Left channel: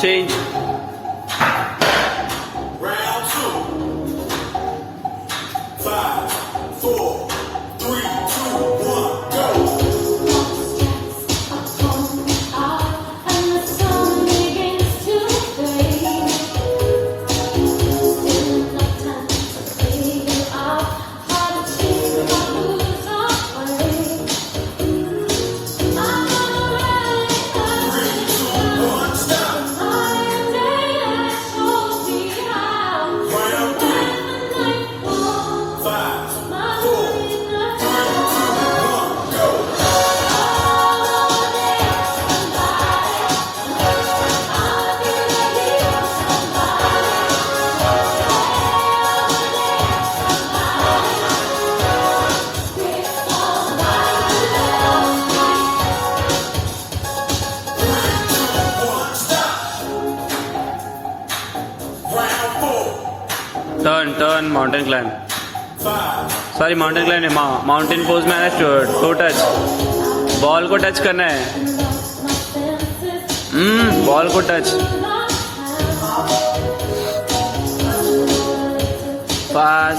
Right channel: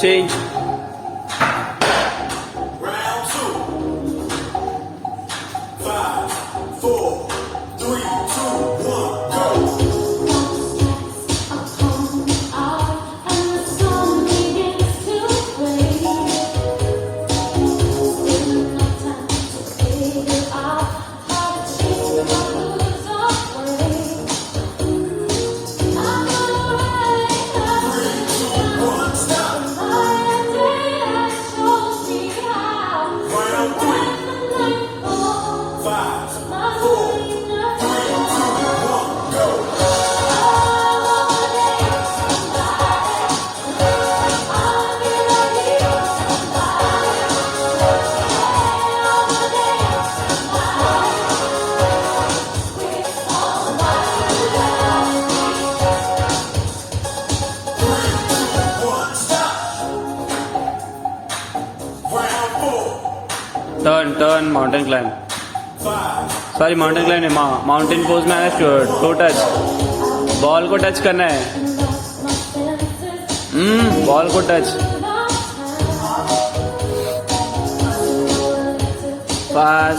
Change. Round two. 5, 4, 3, 2, 1, go. Round three. 5, 4, 3, 2, 1, go. One, stop. Round four. Turn mountain climb. 5, sorry mountain climb नहीं, mountain pose में आना. To touch. Ball को touch करना है. Ball को touch. 5